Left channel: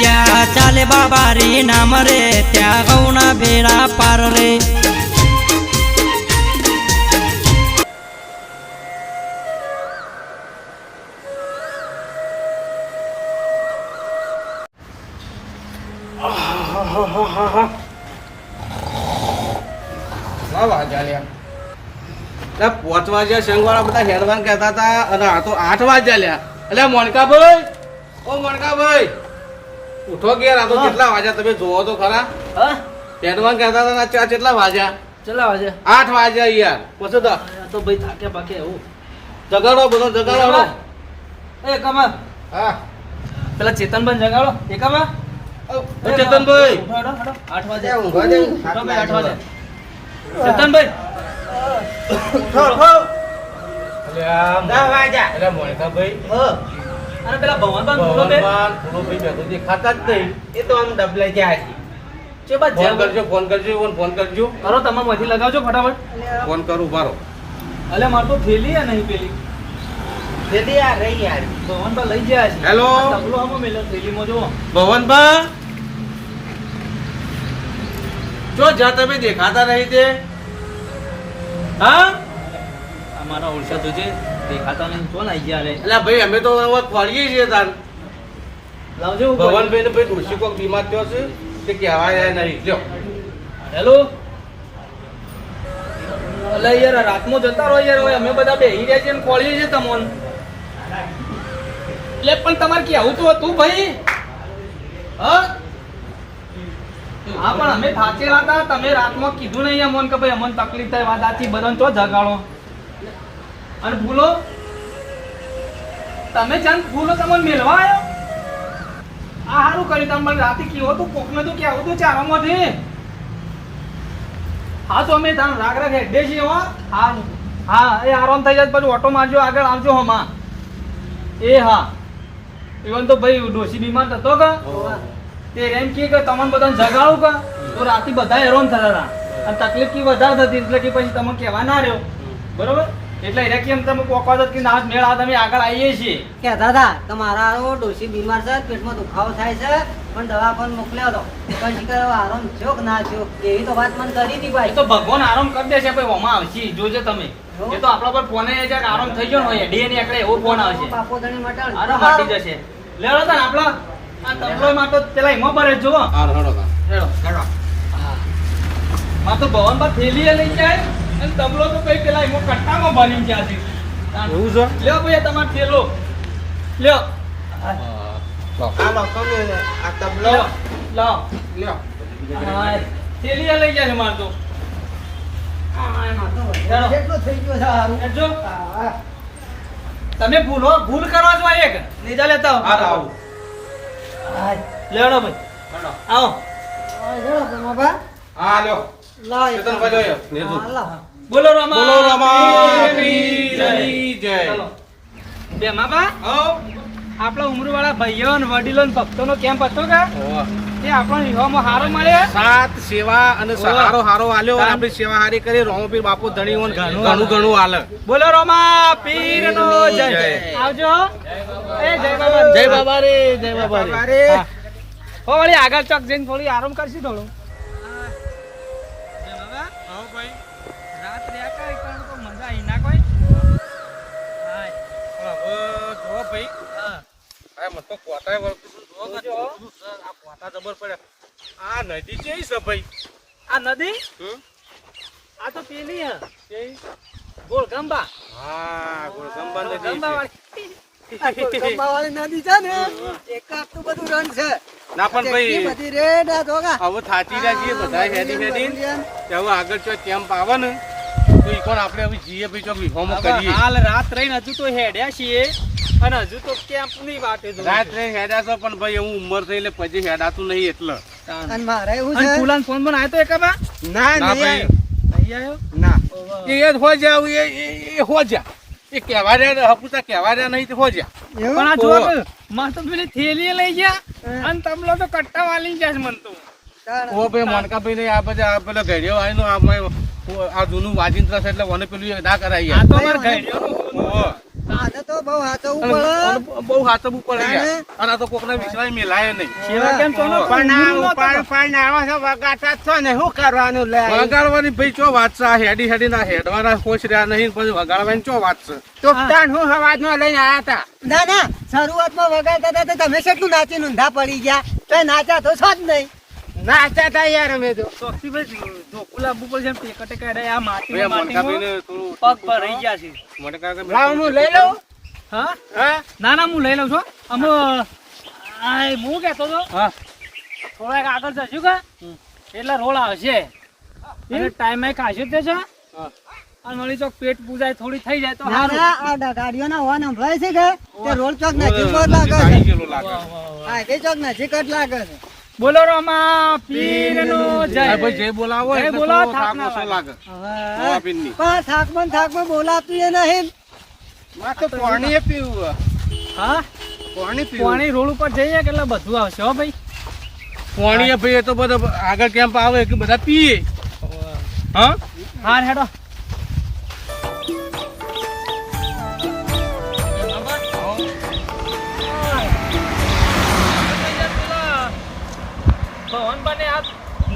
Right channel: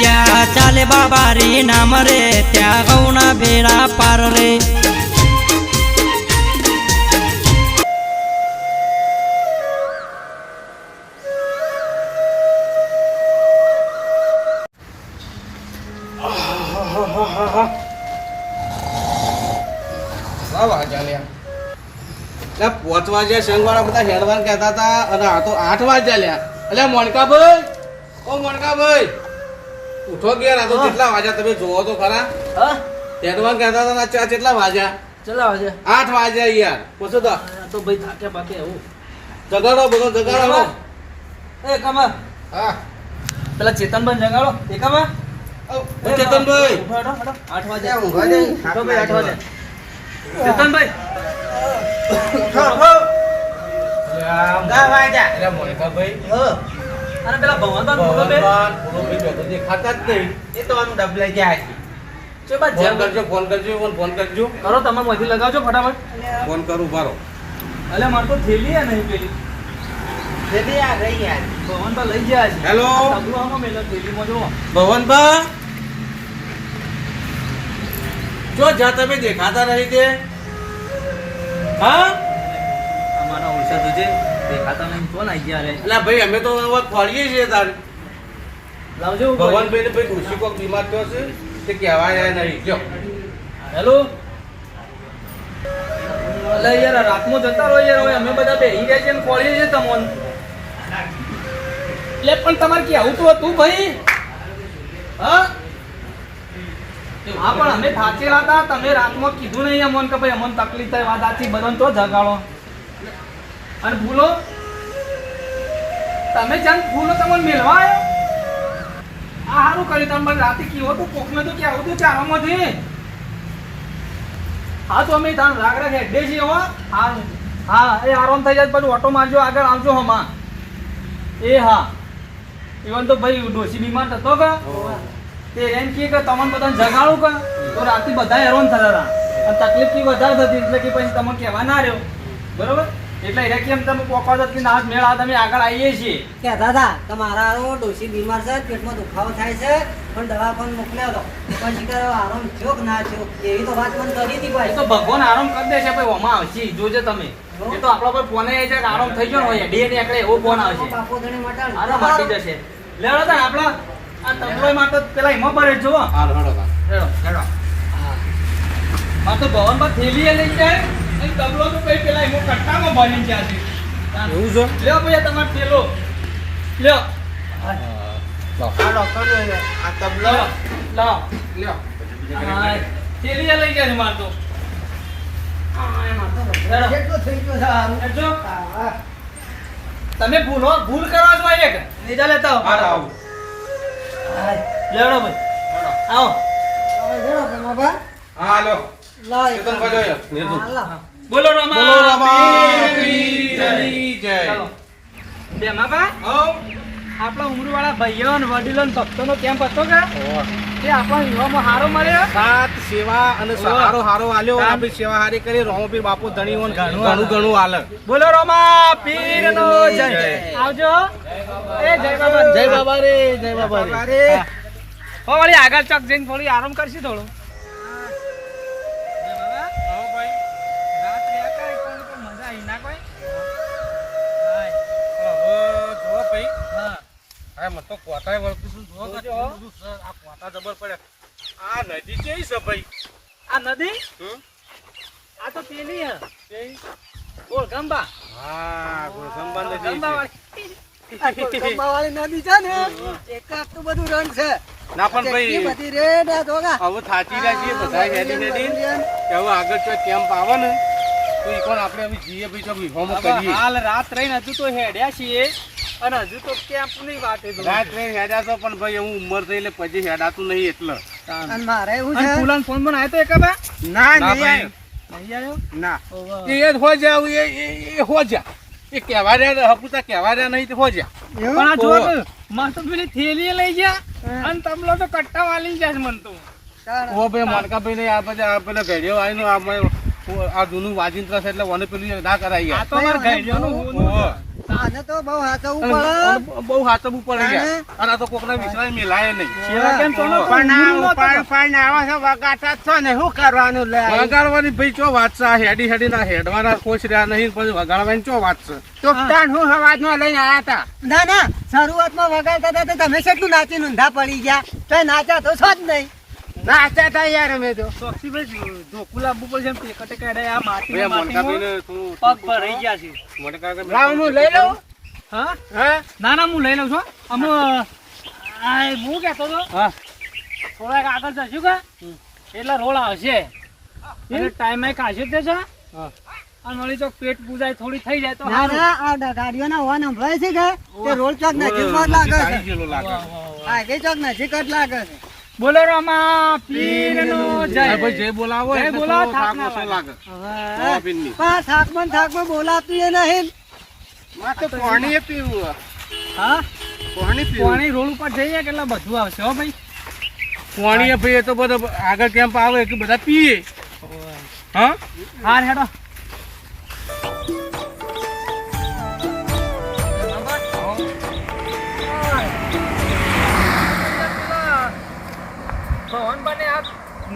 જ્યાં ચાલે બાબારી નામ રે, ત્યાં ગૌના ભેડા પાર રે. પાંચ વાગ્યા શંખવાળા બધા હેડવાન કહેતા હતા, અને આ તો આઠ વાગ્યા લ્યા. એટલે મોનકાભાઈ, ઓ મોનકાભાઈ. ઉઠો ગયા રાતો તો કેટલા વાગ્યા તમે જોવો તો ખરા. હા? હેડવાન કહેતા હતા ને આ કેટલા વાગ્યા? કેટલા વાજે આઠ વાગ્યા યાર. પછી તો તો ભાઈ થાકે પાકે એવું. જગાડો બધો જગાડો. એ કમા હા. પેલા ચેતનભાઈ જગાડો. એ કમા ચેતનભાઈ. ઉઠો. આઠ વાગે. એ ઊંઘવા દે. ભાઈ આઠ વાગે. ચેતનભાઈ. એટલે મોનિકાભાઈ. અને પેલા દેખાતા જ નહીં. એ તો આમ ડબલે જાય. છે ચો બા ફોન કરજો ફોન કરજો ફોન ફોન કરજો. કરો તમે મધી લગાવજો ફટાફટ. ફોન કરું બારો અલે માર તો થેલી હે નહીં પેલી. તેથી આ રહી યાર. ભવનભાઈ લઈ ગયા છે. હેલો. તબલો આમાં મેલ્યો થેલીમાં જુઓ. ભવનભા જો તમે દેખાતા નહીં તે હા? અમારા દેખાતા નહીં કોણ આવી ગયા રે? એટલે ભાઈ અમે તો હવે ખોરીએ છીએ તાર. લાવજો ભવનભાઈ ને ભાઈ ડોશી કોક બીમાર થયો છે તે કહેવા જાય નહીં. લ્યો. હેલો? અલે યાર રાતમાં જતા રહો યાર હવે અમે બધા બેહી રહ્યા છીએ ને ખોળીએ છીએ તમોન. એટલે પણ તમારે કેવું તો હતું ભાઈ. હા? હા પણ અમે સાચી હતા. તમે રાતમાં કીધું નહીં અમોન કે ભાઈ અમોન તકલીફ થાય વાત આથી બધાને તો જગાડો. અને ભૂલો? તમે જાણ ભૂલો તમને મેળવા આવ્યો આ સારું કર્યું તમે મને રાતે કીધું હતું કોકને તો કેવું હતું ચારામાંથી હા તો અમે તાણ રાગ રાગ હેડે છીએ હો. હા હા એ આરામ થઈ જાય પછી ઓટો મારજો આગળ આવજો હમા એ હા. ઇવન તો ભાઈ ડોસી બીમાર થતો કે તે એમ કે તમને બધાને જગાડું કા? તો રાતે બધા હેરાન થતા હતા. અને તકલીફ કી વધારે થતી એટલે કે પછી તમે કહેવા ના રહ્યો. બરોબર? એટલે એને કેમ તમે પોકવા દો કે ના મેળ આ તમે આગળ આવીએ છીએ? કે મારા હારો ડોશી બીમાર છે પેટમાં દુખાવો થાય છે પણ દવા પણ મોકલ્યા દો પછી કરો આરામ થયો કે ના થયો? એવી તો વાત મને કરી હતી ભાઈ. તો ભગવાન આરામ કરી દેશે ભાઈ ઓમાં આવશે જોજો તમે. એ તો આપણા પર ફોન આવી જાય આરામ થઈ ગયો ને હોય ડે એકડે એવો ફોન આવશે. બાપો ધણી મટાડ આરામ હાટી જશે. લેડો તો આપણા આ તબલો માં તો પેલા એમાં ભરે જો હા રડો તા. લેડો લેડો માં તો ભવન પર થેલી લઈ જાય. અને તબલો તો કઈ પેલા એમાં કટ્ટામાં ભરીને જાય છે. એવું છે? લ્યો ભાઈ તમારો થેલો. લ્યો. આ લોકો આ તબલો. લ્યો લાવો લ્યો. થેલી લઈ જાય છે માર તો. આ એમાં તો લેડો. કેટલું થઈ ગયું છે હારું? લેજો. હા, તમે ભૂલો ભૂલ કરો છો એક. નીચે લેતા હા, આવો આવું. હા. લેવડો ભાઈ. આવો. હા લો ભમાભા. હા લ્યો. લાવ એક ચેતનભાઈ લ્યો. બોલો રમા બોલો રામા જય. બે હઉ. આપણા ઉમરવાળા ભાઈઓ અને વડીલો ને ભક્તોનો કેમ્પ હતો કે. એ આપણો વિવાહમાં હારો મળે? સાત સેવા અને સહારો હારો આલ્યો અને આપણી સેવા હારી કરી. રોમપીર બાપુ ધણી ઓન ઘણું ઘણું આલે. બોલો રોમા પીર નો જય. આવજો. એ જય બાબા. જય બાબા રે. જય બાબા રે. ઓ વળી આગળ ચક જઈને થોડી આરામ કરશી થોડો. તો વળતું. કેવું બધું આ કોટા જબર પડ્યા આ નદી કેવી છે ભાઈ? આ નદી? આ તો પેલી હે. ગોળગંબા. હા ગોળગંબા નદી ગોળગંબા વાળી નદી છે ને એક આટલું બધું રંગ છે. ના પણ ભાઈ. હવે થાચી રાખીએ બધા હેડી હેડી. કે હવે આગળ જો કેમ્પ આવે ને તો ઈ કોણ આપણે હવે જઈએ ભાઈ જો વિહોમો કરીએ. હાલ રાત રહીને હજુ તો હેડ્યા છીએ. અને હજુ તો ની વાત જો રાત રહીને હેડા છો પણ ભાઈ હું ઉંમર થઈ એટલે પછી હેડાતું નહીં એટલે. અને મારે એવું છે? ફૂલાન ફોન પણ આવ્યો તો એકાબા? ના ના નહીં ભાઈ. નહીં આવ્યો ના. એ એ હો જા એ એ- એ હો જા એ કહેવા રહ્યા હપુતા કહેવા રહ્યા નહીં તો હો જા પણ આ. માં તો પેલી થેલી લઈ ગયા અને તબલો તો કટ્ટા વાલી જાય મન તો. ઓ ભાઈ મોનકાભાઈ ને આ બધા પેલા ઘડિયો આવીને આ આ જૂનું વાજિંત્ર છે એટલે મને પેલું ના કરાય આ તો અમાર. આને તો બહુ હાચવવું પડે બહુ હાચવવું પડે અને? અને તો કોકના વિશ્વાસ મેલાય નહીં. સેવા કેમ તો નતો? પણ આ ઊંઘમાં તો ઉપાડ છો વગાડતા જ છો ને શું કરવાનું લે? વગાડવાની ભાઈ ચો વાત છે હેડી હેડી ના હેડવાના ખુશ રહ્યા નહીં પછી વગાડવાની ચો વાત છે? તો તાણ હું સવાજમાં લઈને આયા હતા. ના ના શરૂઆતમાં વગાડતા હતા તમે કેટલું નાચી ઊંધા પડી ગયા? તો નાચા તો છો જ નહીં. નાચા થાય યાર અમે તો. લાવવું પડશે એમ ટેકટે કાઢે આ માટી આ પગ પર રહી ગયા છે. લાવ હું લઈ લઉં. હા? હા? ના ના હું લઈ લઉં છું. અમે હું કહેતો હતો. હા. થોડાક આગળ જશું કે. એટલે રોડ આવશે ટાઈમે કાશું તે છે હા. અને વળી તો પેટ પૂજાય થોડી થઈ જાય તો ના ના આ ગાડીઓના હોર્ન સંભળાય છે કે? રોડ ચોક લાગે છે. હા કઈ ચોક નજીક જ લાગે છે. બોલો રમા પીરનો જય. ભાઈ જય બોલાવો જય બોલાવો, થાક ના લાગે? હા. સોયાબીનની. પણ થાકમાં થાકમાં બોલાતું એ નહીં. માં તો પાણી પીવું હા? પાણી પીવું. પાણી રોડ ઉપર જઈએ કે એટલે બધું આવશે હો ભાઈ? પોણીએ ભાઈ એ તો બધા આગળ કેમ્પ આવે કે બધા પીએ? હા? હા હેડો.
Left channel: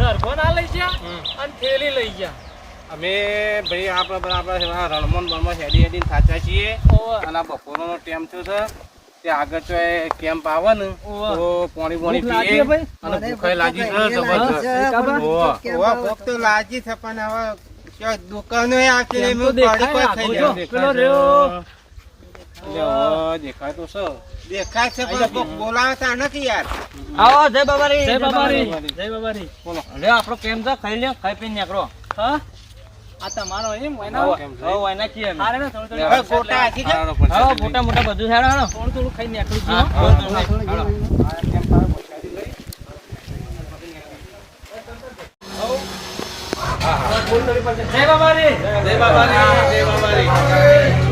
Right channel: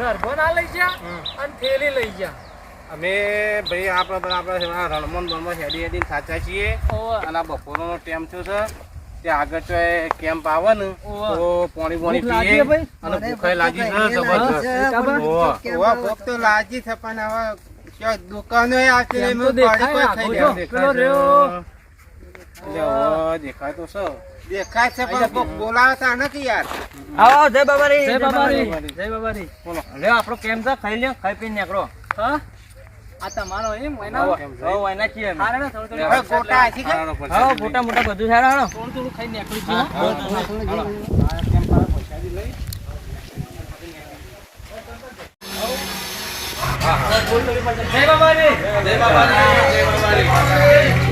નરભો લઈ ગયા અને થેલી લઈ ગયા. અમે ભાઈ આપણે બરાબર આ બણમાં હેડી હેડીને થાચા છીએ. અને આ બપોરનો ટેમ થયો છે. તે આગળ જો કેમ્પ આવે ને. તો પાણી પાણી પીએ અને ભૂખે લાગી છે. જબરજસ્ત ખબર? ઓવે. ઓવા ભોગ તો લાગી છે પણ હવે દુકાનો આટલી એમ તો મેં દેખાય તો છે. જાય. દેખાય છે પણ કોક નથી યાર. આવો જય બાબારી. જય બાબારી. જય બાબારી. બોલો. લે આપણો કેમ છે? ખાઈ લે ખાઈ પીને નીકળો. હા? આ તમારો એમ છે? હારે ને થોડું થોડું ગોટા છે? મોટા મોટા બધું સારા હાલો થોડું થોડું ખાઈ નીકળી હા, ગયું હા. જય બાબારી. જય બાબારી. જય બાબારી.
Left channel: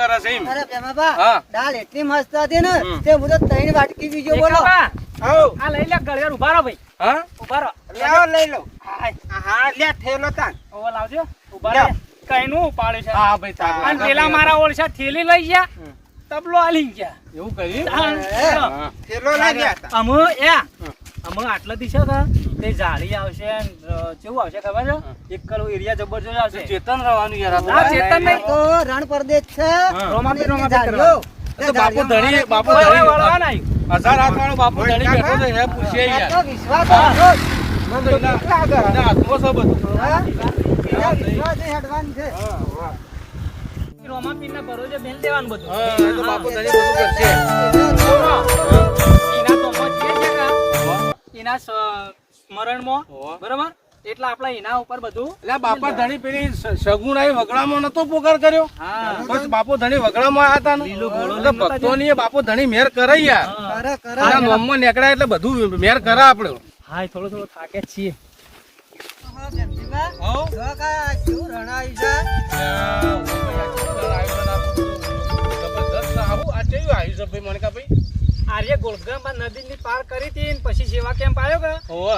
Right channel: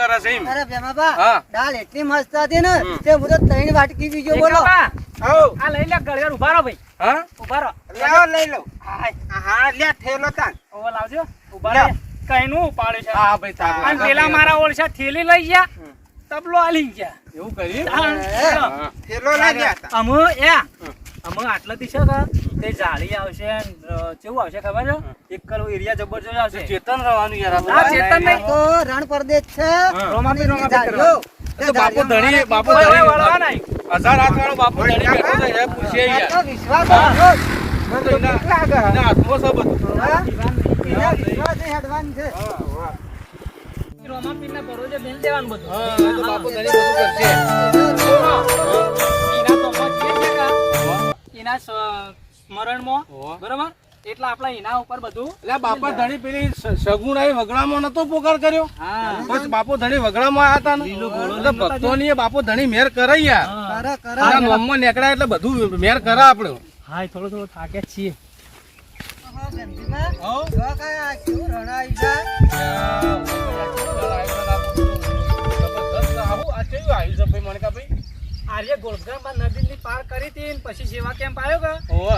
કરે છે એમ? અરે ભેમાબા, હા. દાળ એટલી મસ્ત હતી ને તે હું તો ત્રણ વાટકી બીજો બોલો. આ લઈ લે ગળિયાર ઊભા રહો ભાઈ. હા? ઊભા રહો. લેવો લઈ લો. હા લે ઠેલો તાન ઓવા લાવજો. ઊભા લ્યો. કઈનું ઉપાડે છે? હા ભાઈ તારું અને પેલા મારા ઓળશા થેલી લઈ ગયા તબલો આલી ગયા. એવું કરી? હા. ઠેલો લાગ્યા અમે એ અમે આટલા દિશા હતા તે જાળી આવશે ને, કેવું આવશે ખબર છે? એક કલો એરિયા જબરજસ્ત આવશે. ચેતન રહેવાનું યાર આ ચેતન નહીં. ઓ રણ પરદેશ છે. રોમાપી રોમાપી ઝાડીઓ. બાપુ ધણી બાપુ ઓય, વળવા નહીં. હજાર હાથ વાળો બાપુ ધણી બેઠો છે એ પૂછીએ યાર. વિશ્વાસ. મને તો બીક લાગે હા? એના વિશ્વાસથી હેડવાનું છે. રોમાપીરના ભરોસે બેન દેવાનું બધું. હા તો બાપુ ધણી બધું કરશે. ને? એના સ- સ્મરણમાં. બરોબર એટલે આપણે એના ઉપર બધું એટલે બાપા ધણી પેલી સગુણાઈ વગડામાં નતો પોકાર કર્યો બસ બાપો ધણી વગડામાં હતા ને ભક્તો ની બાપુ ધણી મેર કરે યાર નોમમાં નીકળ્યા એટલે બધું મેર કરે આપણે હા થોડો થોડો થાકે છીએ જો કા કેવું રણ આવ્યું છે આર્ય નદી ની પાર કરી હતી પછી સેવા કેમ્પ આવ્યો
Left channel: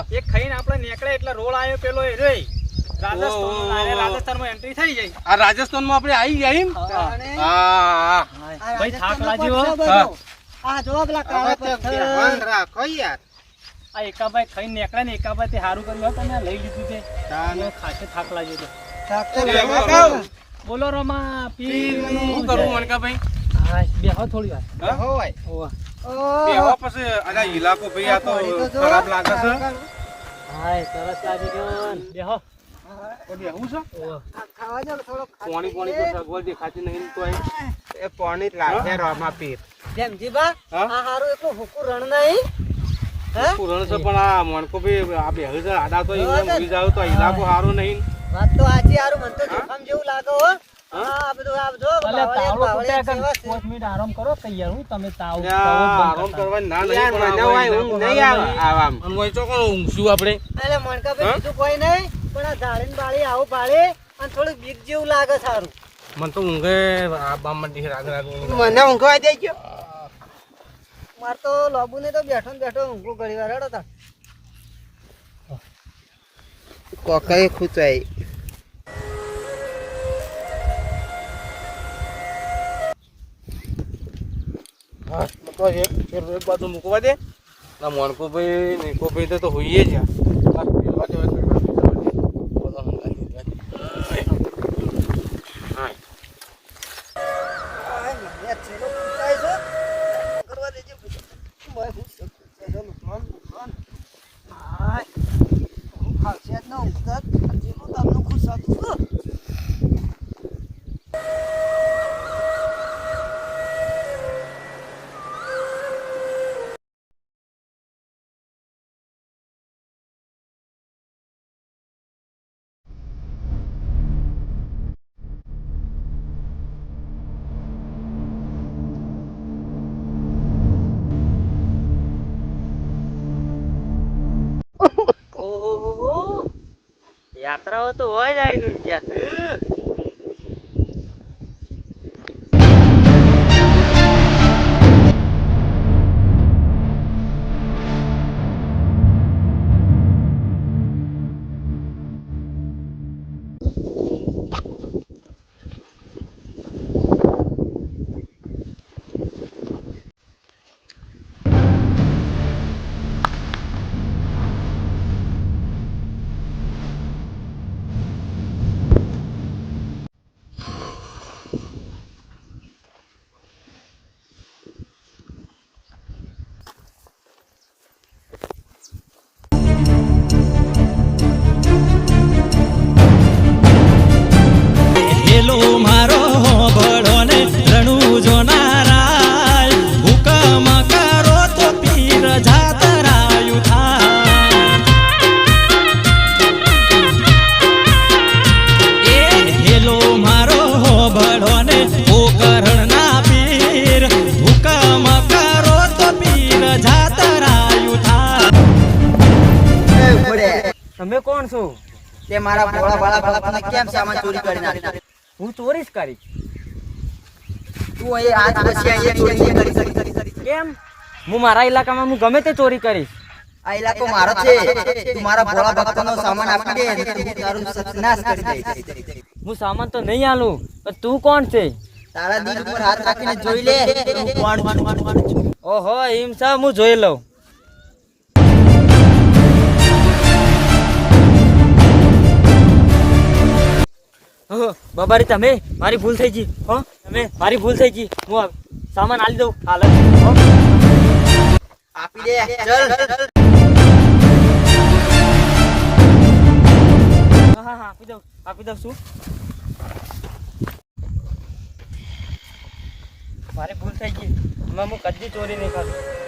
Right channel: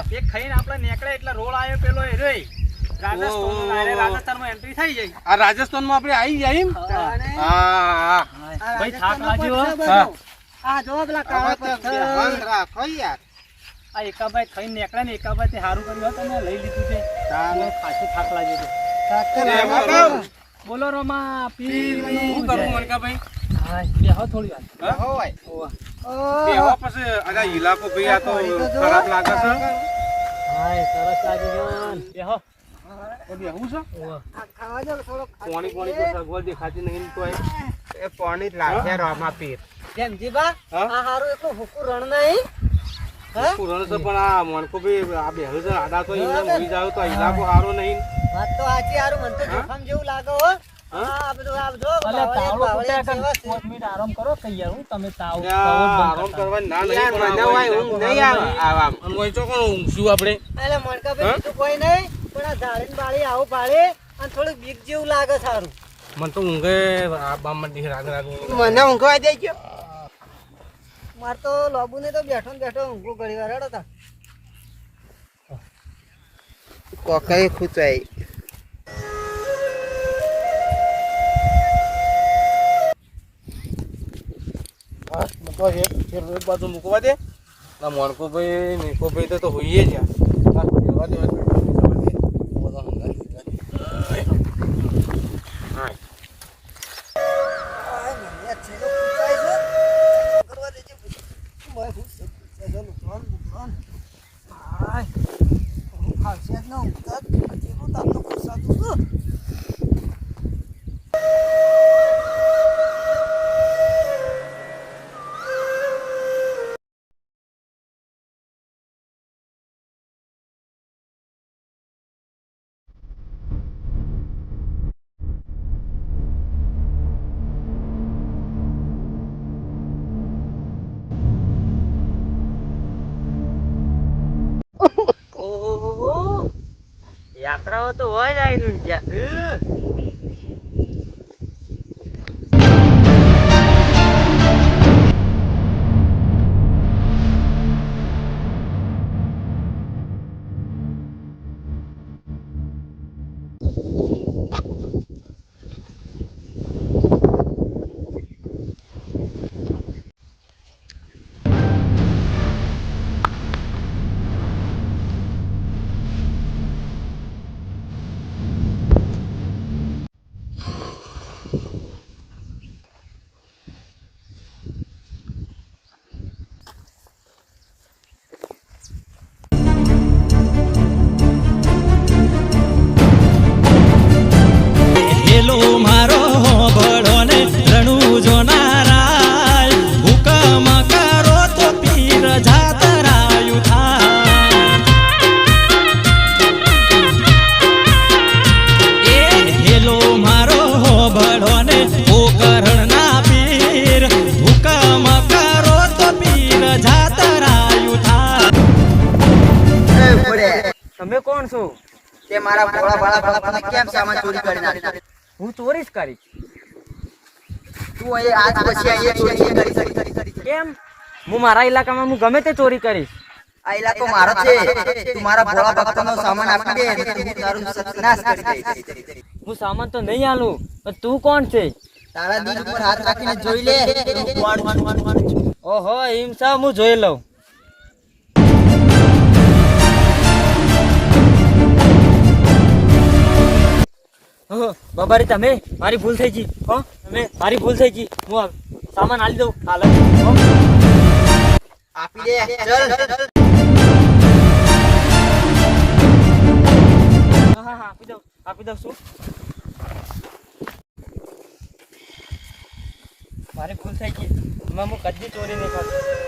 કે એક ખાઈને આપણે નીકળ્યા એટલે રોડ આવ્યો પેલો એ રે રાજસ્થાનમાં રાજસ્થાનમાં એન્ટ્રી થઈ જાય આ રાજસ્થાનમાં આપણે આવી જાય ભાઈ થાક લાગ્યો આ જો પેલા કાળા પથ્થર. રાખો યાર? આ એકાભાઈ ખાઈને નીકળ્યા ને એકાભાઈ તે સારું કર્યું હતું લઈ લીધું છે. ચાલો. ખાસે થાક લાગ્યો તો એ બોલો. રોમા પીર શું કરવું મનકાભાઈ? હા બેહો થોડી વાર હા? હોય ઓવા. ઓહો. બેહવા પછી આ ઇલાકો ભાઈ આ તો. ખરાબ લાગે છે હાય સરસ લાગી ને. બેહો તો બેહવું છે ખાવા જો થોડો પાણી પાણી તો સગવડ દેખાતી નહીં તો એ. પાણી જ લાગે રોમા પીર જેમજીબા હા? આ હારું એટલું હુકું રણ નહીં હે છે પણ આ મણકો ભાઈ આ બેહવું આડા તો હા, એમને મૂકી જાવ તો ઇલાકો સારો નહીં વાત તો આજે હારું મને તો જોખમ જેવું લાગે હો હા? બધું જો જેવા કાં છે. પાંચ મિનિટ આરામ કરો કઈ હું તમે તાવ આરામ કરવાની ના નહીં પણ મને આ હોય ઇલાકો ઊંઘ નહીં સારો આવે નહીં. આવામ. અને તો કોણ ઊંઘશું આપણે એટલે મણકા બીજું કોઈ નહીં પણ આ ઝાડીને બાળી આવું પાડે અને થોડુંક બીક જેવું લાગે સારું મને તો ઊંઘે આ બામ મંડી રાગ રાગ મને ઊંઘવા દે ગયો માર તો લોબુ ને તો બેઠો ને બેઠો ઊંઘું ઘડી વાર હેડો તા કોકાએ ખૂચાઈ હા, મૂકવા છે. ફેર એક બાજુ મૂકવા દે ના મોનકો ભાઈ નિકો ભાઈ તો તો હોઈએ જ યાર. હા, ફેરવા દે, ફેરવા દે. બધા હંગાઈ દીધા. હા. આ મને છેલ્લો ખૂંચાય છે. યાત્રાઓ તો હોય આવી ત્યાં મારા ભોળા ભાળા બાપાને કેમ સામાન ચોરી કરી નાખી? હું ચોરી જ કરી તું અહીં આજ પછી અહીંયા ચોરી કરી કેમ? હું મારા ઇલાકામાં હું ગમે તે ચોરી કરીશ. આ ઇલાકો મારો છે. તું મારા ભોળા ભક્તોનો સામાન આપી દે હું તારું સત્યાનાશ કરી દઈશ હું સામાન તો નહીં આલું પણ તું કોણ છે? તારા દિલ પર હાથ રાખીને જોઈ લે. હું કોણ. ઓહો એમ હું જોઈ લઉં. બાબારી, તમે? મારી ભૂલ થઈ ગઈ. હો, તમે? મારી ભૂલ થઈ ગઈ. હું સામાન આલી દઉં. હાલ આપી દે. ચલ. હા હા આપી દઉં. આપી દઉં. શું? મારી ભૂલ થઈ ગઈ. એમાં હું કદી ચોરી નહીં કરી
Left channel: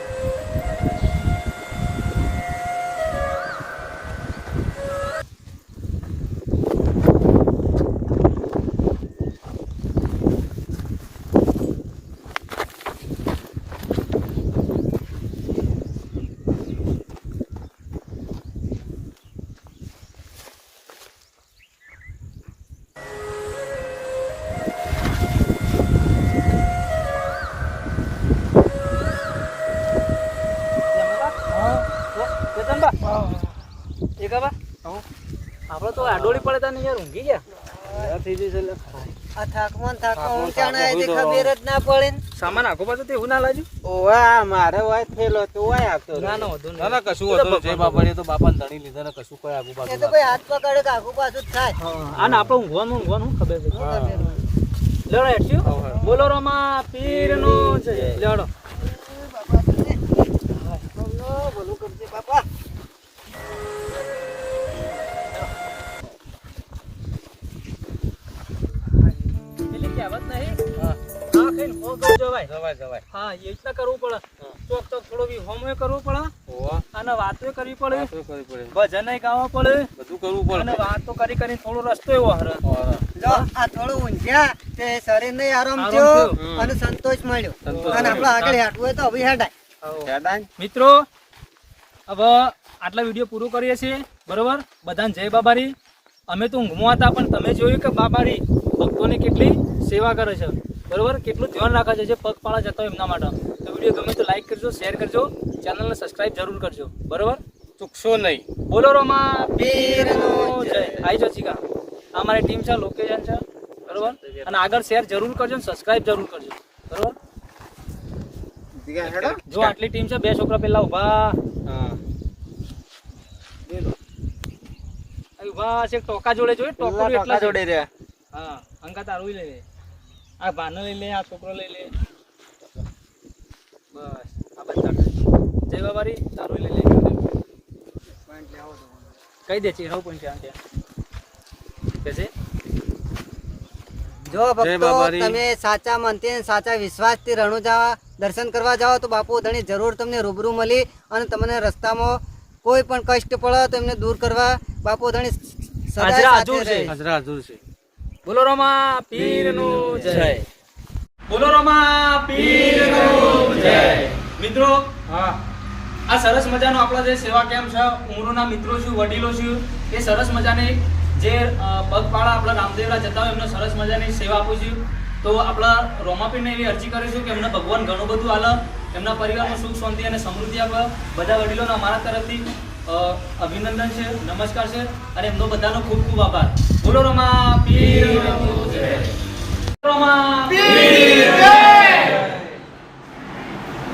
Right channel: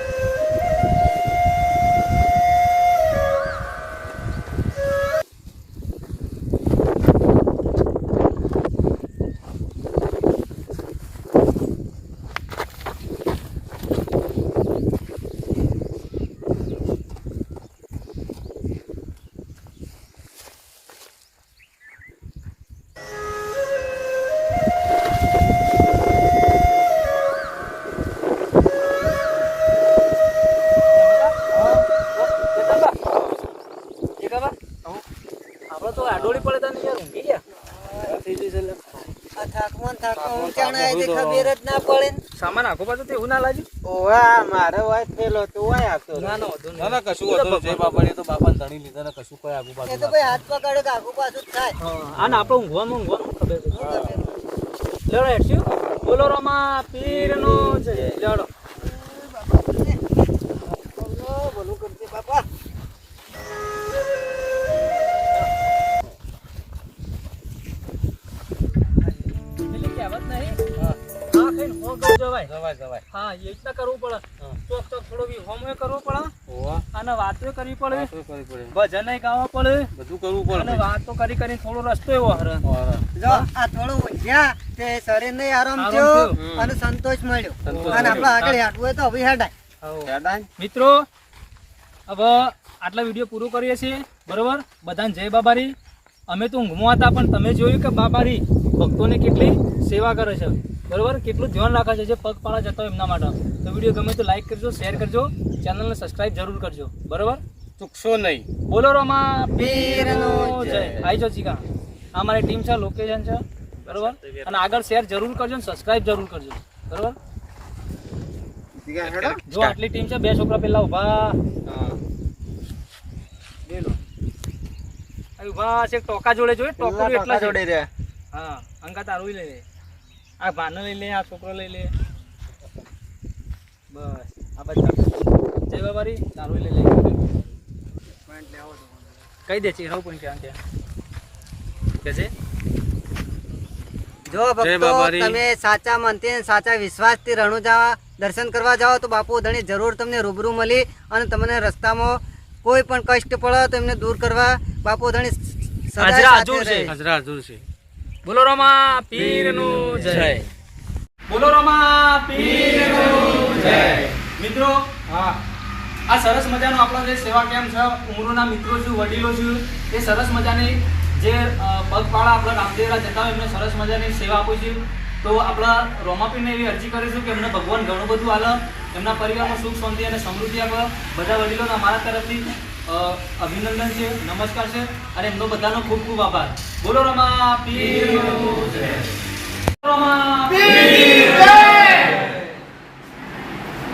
આપડે તો આડોળી પડે તા યાર ઊંઘી ગયા આ થાકમાં થાકમાં ઊંચાણે આવી ખબર જ ના પડે સામાન આખો પાછું તે એવું ના લાગ્યું? ઓવા મારે હોય થયેલો તો વાય આપતો ના ના વધુ ના ના કશું હતું જય બાપા તો બાપાને ધણી લીધા ને કશું કોઈ આગુ પાછું તો ભાઈ હાથ પકડે તો આખું પાછું જ થાય. આને આપણે ઊંઘવાનું ઊંઘવાનું ખબર છે લેડો હેઠ્યું. બોલો રમા પીર નો જય લેડો ભલું કરજે બાપા. ખાઈને હો ગયો જવાય. જવાય જવાય. હા એ રીતના કરવું પડે. ચોક ચોક થોડો વિહોમો કરવો પડે. અને વાતો કરવી પડે. કરવી પડે. ભજન ગાવા પડે. બધું કરવું અને વાતો કરી કરી થોડો રસ્તો એવો હરે. જો આ થોડો ઊંઘ્યા તે શરીરને આરામ આરામ થયો. અને સંતોષ મળ્યો. અને આપણે આગળ હાટવું હોય તો હવે. હેડાય હેડાય? મિત્રો હવે આટલા વીડિયો પૂરો કરીએ છીએ. બરોબર? બધાને જય બાબારી. અમે તો ઊંઘમાં હતા પણ તમે જોયું કે બાબારી ભક્તોને કેટલી સેવા કરે છે. બરોબર? કેટલું ધ્યાન રાખવા છે જે પગપાળા જતા હોય એમના માટે. તો વીડિયો ગમે તો લાઈક કરજો શેર કરજો ચેનલને સબસ્ક્રાઈબ જરૂર કરજો. બરોબર? ચૂકશો નહીં. બોલો રોમા પીરનો જય. આઈ જો ચીકા. આ મારી ટીમ છે લોકેશન છે. બરોબર? અને આગળ શેર જરૂર કરજો ને સબસ્ક્રાઈબ જરૂર કરજો. બરોબર? જો આટલી ટીમ છે બે છોકરા પેલા ઊભા ઊભા છે ટોકા જોડે જોઈ ટોકા એટલા જોડે રહ્યા. હા અંકા તારું લઈ લે. આ ભાનો લઈ લે આ છોકરો લઈ લે. બસ આ બધા. જય બાબારી તારું લઈ લે. કઈ દે છે પોઈન્ટ ક્યાં ક્યાં કે. છે? જો ભક્તો. તમે સાચા મનથી અને સાચા વિશ્વાસથી રણુજા દર્શન કરવા જાઓ તો બાપુ ધણી જરૂર તમને રૂબરૂ મળી અને તમને રસ્તામાં કોઈ પણ કષ્ટ પડે તો એમને દૂર કરવા. બાપુ ધણી સદાય હાજરા સાથે હાજુર છે. રહે. હાજર છે. બોલો રોમા પીરનું જય. બોલો રોમા પીરનું જય. મિત્રો હા. આ સરસ મજાનો આપણો જે સેવા કેમ્પ છે ઉમરોના મિત્રો છું વડીલો છું એ સરસ મજાની જે પગપાળા આપણા રામદેવરા જતા હોય એમને સરસ મજાની સેવા આપું છું. તો આપણા રોમાપીને એવી અરજી કરીશું કે એમને ભગવાન ઘણું બધું આલે એમના પરિવારમાં સુખ શાંતિ અને સમૃદ્ધિ આપે. બધા વડીલોને અમારા તરફથી અભિનંદન છે, નમસ્કાર છે, અને એમનો બધાનો ખૂબ ખૂબ આભાર. બોલો રમા, પીર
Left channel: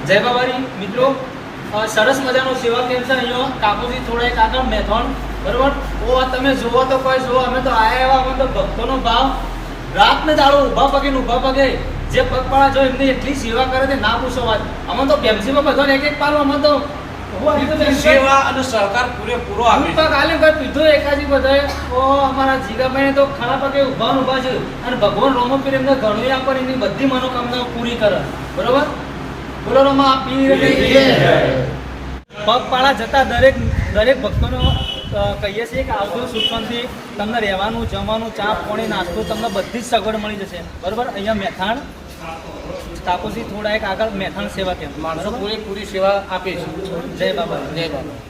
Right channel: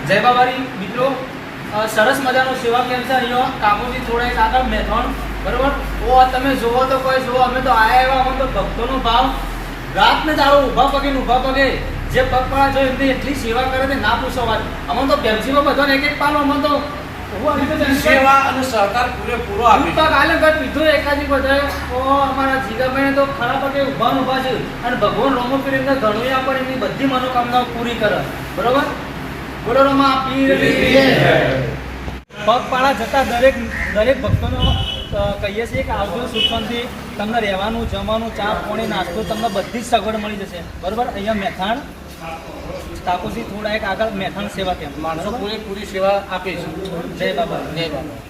જય. બાબારી મિત્રો સરસ મજાનો સેવા કેમ્પ છે અહીંયા? કાકુજી થોડા કાકા મેથોન બરોબર? ઓ તમે જોવો તો કોઈ જોવો અમે તો આયા એવા, અમે તો ભક્તોનો ભાવ. રાત ને દાડો ઊભા પગે ઊભા પગે, જે પગપાળા જો એમને એટલી સેવા કરે છે, ના પૂછો વાત. અમે તો બેમસીમાં બધાને એક એક પાલો, અમે તો સેવા અને સહકાર પૂરેપૂરો આપે હું પગ આલે પીધો એકાદી બધાએ. ઓ અમારા જીગાભાઈ તો ખરા પગે ઊભા ને છે. અને ભગવાન રોમપીર એમને ઘણું આપે ને એમની બધી મનોકામનાઓ પૂરી કરે. બરોબર? બોલો રોમા પીર પગપાળા જતા દરેક દરેક ભક્તોને કહીએ છીએ કે આવજો સુખમથી તમને રહેવાનું જમવાનું ચા પાણી નાસ્તો તમને બધી જ સગવડ મળી જશે. બરોબર? અહીંયા મેથાણ તાપોસી થોડા એક આગળ મેથાણ સેવા કેમ્પ માણસો પૂરેપૂરી સેવા આપે છે. જય બાબા. જય બાબા.